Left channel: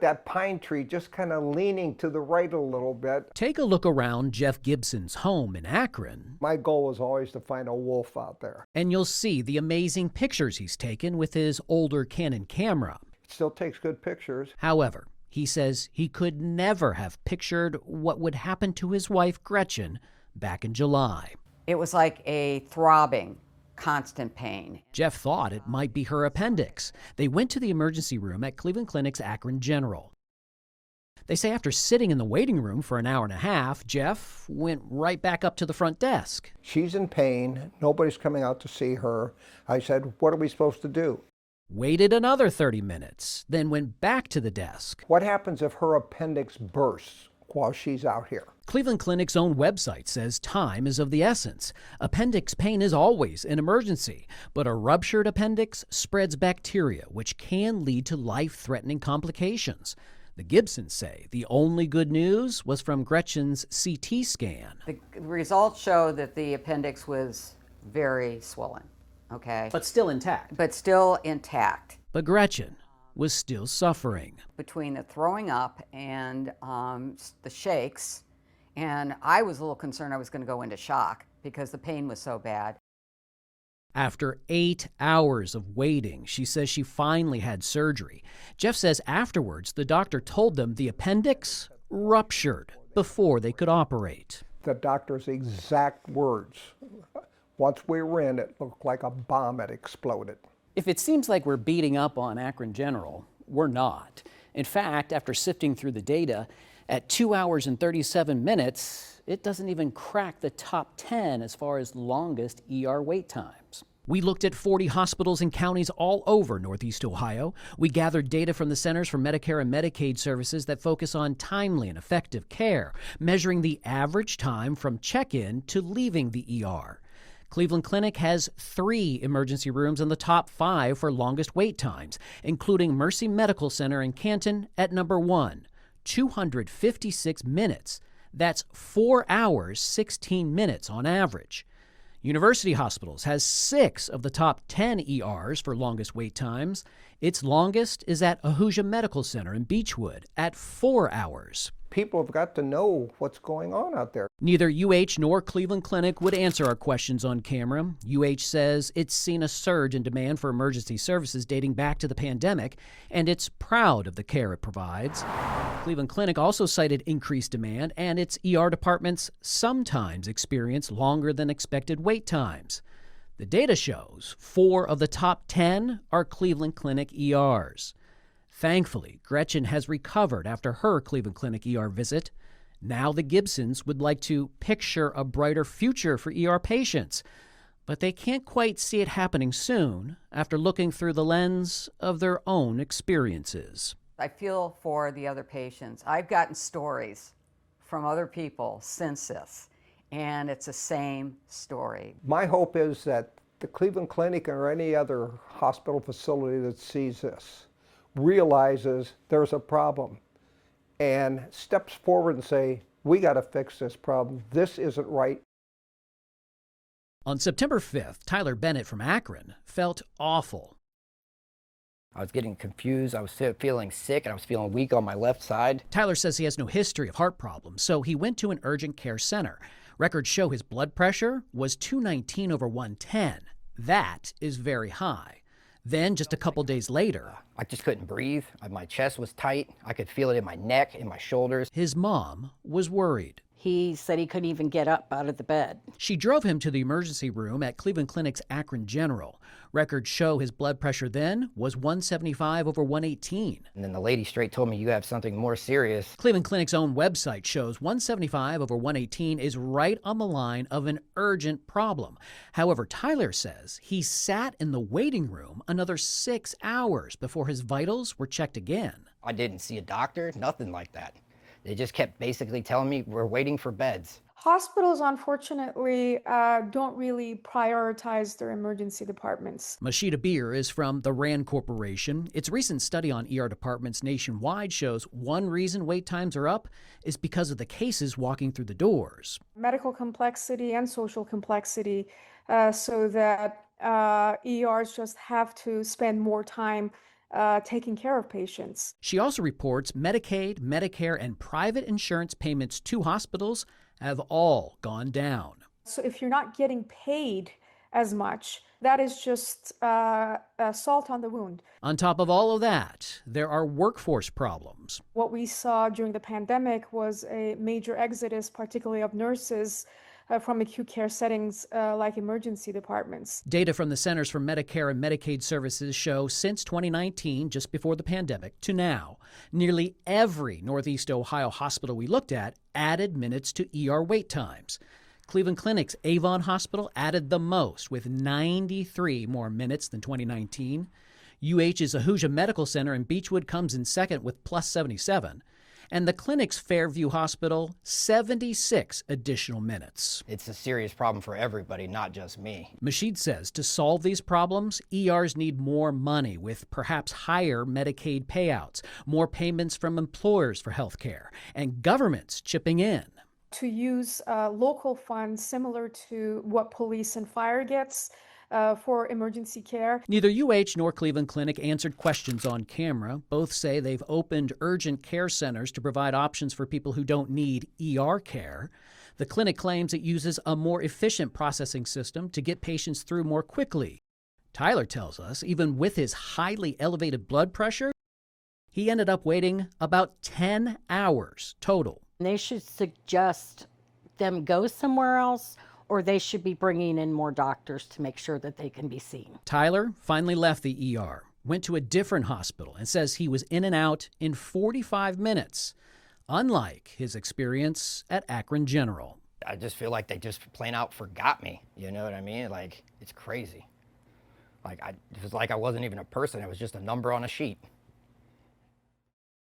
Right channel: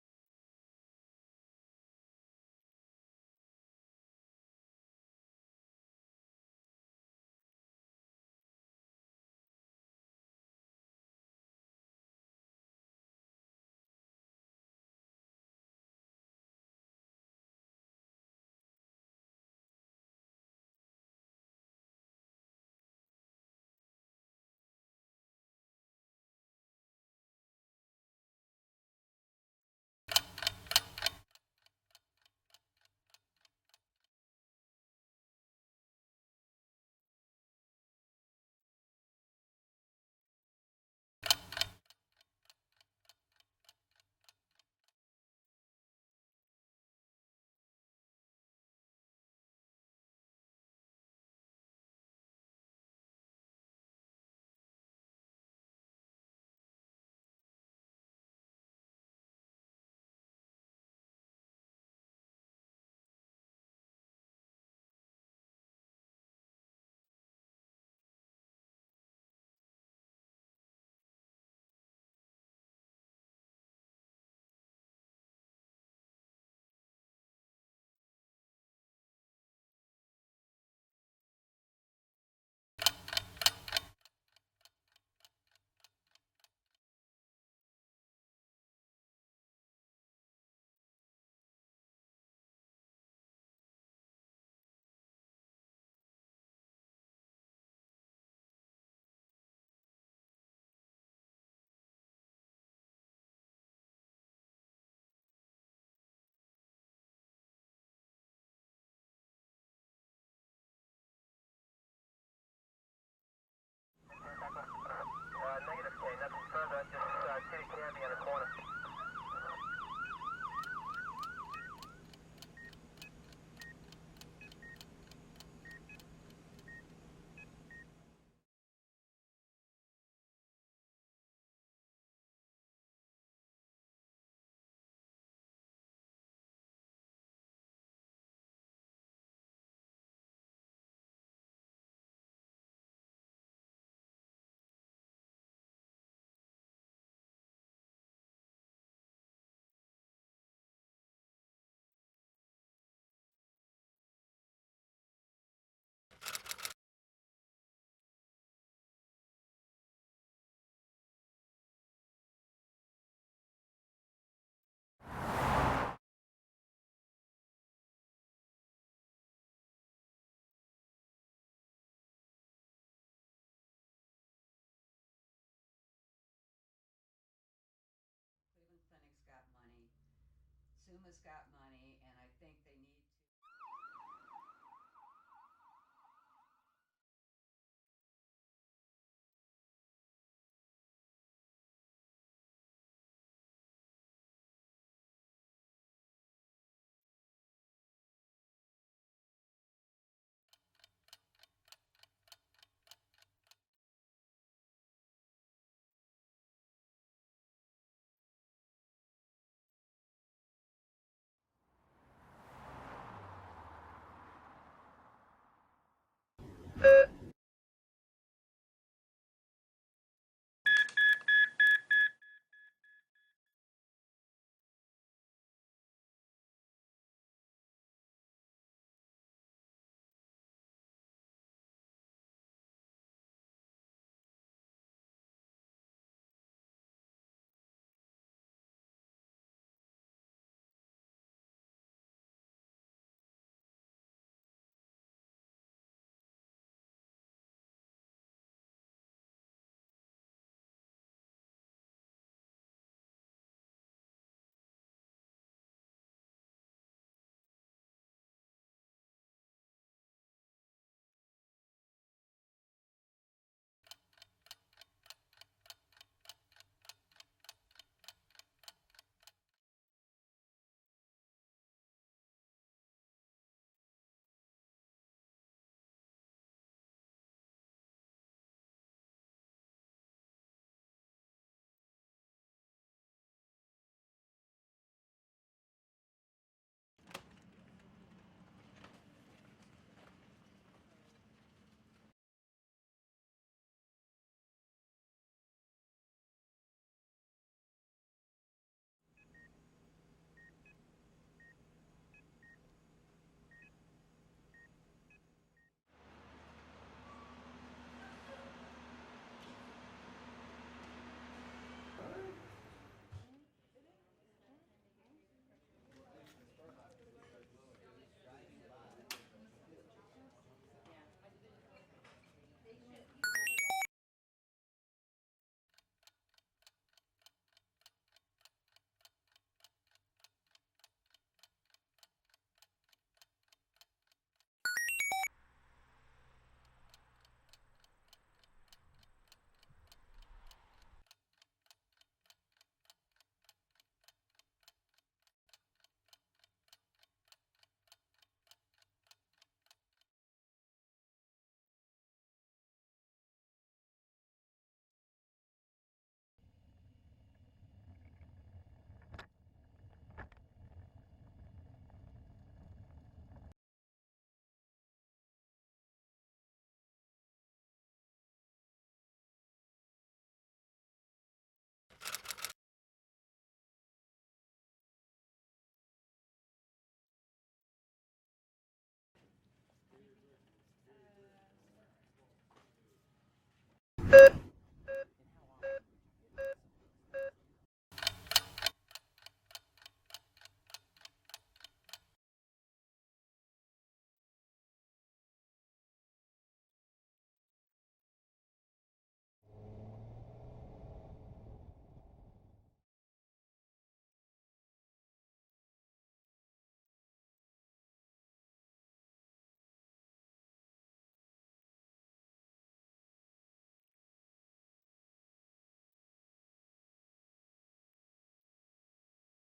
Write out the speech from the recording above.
That pine tree just kind of leaning to the right a little bit. Take a look around Jeff Gibson's home in Akron. My goal was always to find a wolf out there. And you'll see the amazing pictures he's taken with his older Canon camera. It still takes good pictures. However, he says he could never have pictured what would happen to his wife, Gretchen, back in July. It was like a throbbing, constant pain. Jeff thought it might be her appendix. They went to the emergency room at Cleveland Clinic's Akron General. They say after sitting in the waiting room for an hour and a half, Jeff went right back up to the front desk. She's in pain. Nobody's coming out to see her. I said, what are we supposed to do? Waited another 30 minutes, then went back to the desk. What happens if her appendix bursts while she's out here? Cleveland Clinic's own website says time is of the essence. Appendix pain is always an emergency, but a ruptured appendix spreads bacteria, which can lead to life-threatening complications. The Gibsons say the only good news was from Gretchen's CT scan. The results show that the appendix was very swollen, okay? But still intact. But still intact. But Gretchen was still suffering. Between the throwing up and the shakes, and I was a little concerned I was going to go into shock because the pain was so bad. After 8 hours of waiting, she says she finally had surgery. Jeff says afterwards the doctor told them the appendix ruptured before they could operate. The doctor's exact words. Once we were in, it looked like a bomb had exploded. If it seems like we're beating up on Akron General, we're not. In fact, after sifting through the data, at 2 hours and 37 minutes, it doesn't even crack the top 10 as far as longest ER wait times. We looked at 40 hospitals and counties all over Northeast Ohio. We gathered data from the Centers for Medicare and Medicaid Services that focus on timely and effective care, measuring the average time from check-in to leaving the ER. Cleveland Clinic has 3 emergency rooms in the top 5 for longest wait times, including Mercy Medical Center in Canton at number 1, 256 minutes. That's 4 hours, 16 minutes on average. University Hospitals has 6 of the top 10 ERs for longest wait times. Its longest is at Ahuja Medical Center in Beechwood at 4 hours. People have got to know what's going on out there. Neither UH nor Cleveland Clinic would answer our questions on camera. UH says it's seen a surge in demand for emergency services dating back to the pandemic, and it's proud of the care it provides. Cleveland Clinic also cited increased demand, and its ER departments sometimes experience longer than expected wait times. The data shows 4 of the top 10 are Cleveland Clinic ERs. Thankfully, Gretchen has recovered after her Cleveland Clinic ER visit. Now the Gibsons would like to picture a brighter future for ER patients, but they can't quite see it happening soon after looking through the lens of their own experiences. I feel for the other patients. I've gotten stories from other people since this, and it's the same story. My hope is that the Cleveland Clinic or any other hospital facility that sees this realizes there's a problem and steps forward and say, we got to fix this problem. This isn't right. On September 5th, Tyler Bennett from Akron felt awful. I was getting confused, I was feeling sick, and I was feeling weak on my left side. Tyler says he has no history of heart problems, so he went to an urgent care center. Records show his blood pressure was 219 over 110. That is very high. Then, just a couple days later, I just couldn't breathe. My chest was tight. I could feel it in my neck, in my shoulders. his mom was worried. He said he couldn't even get up out of the bed. She drove him to the emergency room at Cleveland Clinic's Akron General. Records show his blood pressure then was 175 over 118. And then the lady straight told me, you have something more serious. Cleveland Clinic's own website shows 175 over 118 is right on the line of an urgent problem. However, Tyler says he sat in the waiting room another 6 hours before his vitals were checked again. I didn't see a doctor, nothing like that. They just kept basically telling me, we're waiting for beds. Hospitals, unfortunately, don't really prioritize their emergency departments. Mashita Beer is from the RAND Corporation. Its recent study on ER departments nationwide shows one reason wait times are up is because of the cases walking through the doors. Medical complexity and social complexity, so that ERs just have to spend more time taking care of patients. She also reports Medicaid, Medicare, and private insurance payments to hospitals have all gone down. So if you're not getting paid as much, that is just salt on the wound. On top of all of that, there are workforce problems. What we saw during the pandemic was a major exodus, particularly of nurses from acute care settings like emergency departments. Data from the Centers for Medicare and Medicaid Services show since 2019, just before the pandemic, to now, nearly every Northeast Ohio hospital we looked at added minutes to ER wait times. Cleveland Clinic's Avon Hospital added the most, with 93 more minutes than 2019. UH's Ahuja Medical Center in Beechwood comes in second with plus 77. And the clinic's Fairview Hospital, 76 additional minutes. It's a serious problem for everybody, not just me. Masheed says to solve these problems, ERs need more money with perhaps higher Medicaid payouts, more payments from employers for health care, and governments chipping in. To use local funds similar to what police and fire gets for emergency care. Neither UH nor Cleveland Clinic answered questions on camera. Both say they've opened urgent care centers to provide options for people who don't need ER care. The clinic claims it uses a more efficient processing system to get patients through more quickly. Tyler tells us even with his highly elevated blood pressure, he ended up waiting about 10 hours total. They should suggest them go somewhere else, or they should be bringing in more doctors to make sure that they can be seen. Tyler finally left the ER, went to a different hospital, and says he was in and out in 45 minutes, unlike his experience at Akron General. I just feel like they just plain out forgot me. You know what I mean? Like, it's crazy. Like, it was like I wasn't even a person. It was just a number on a sheet.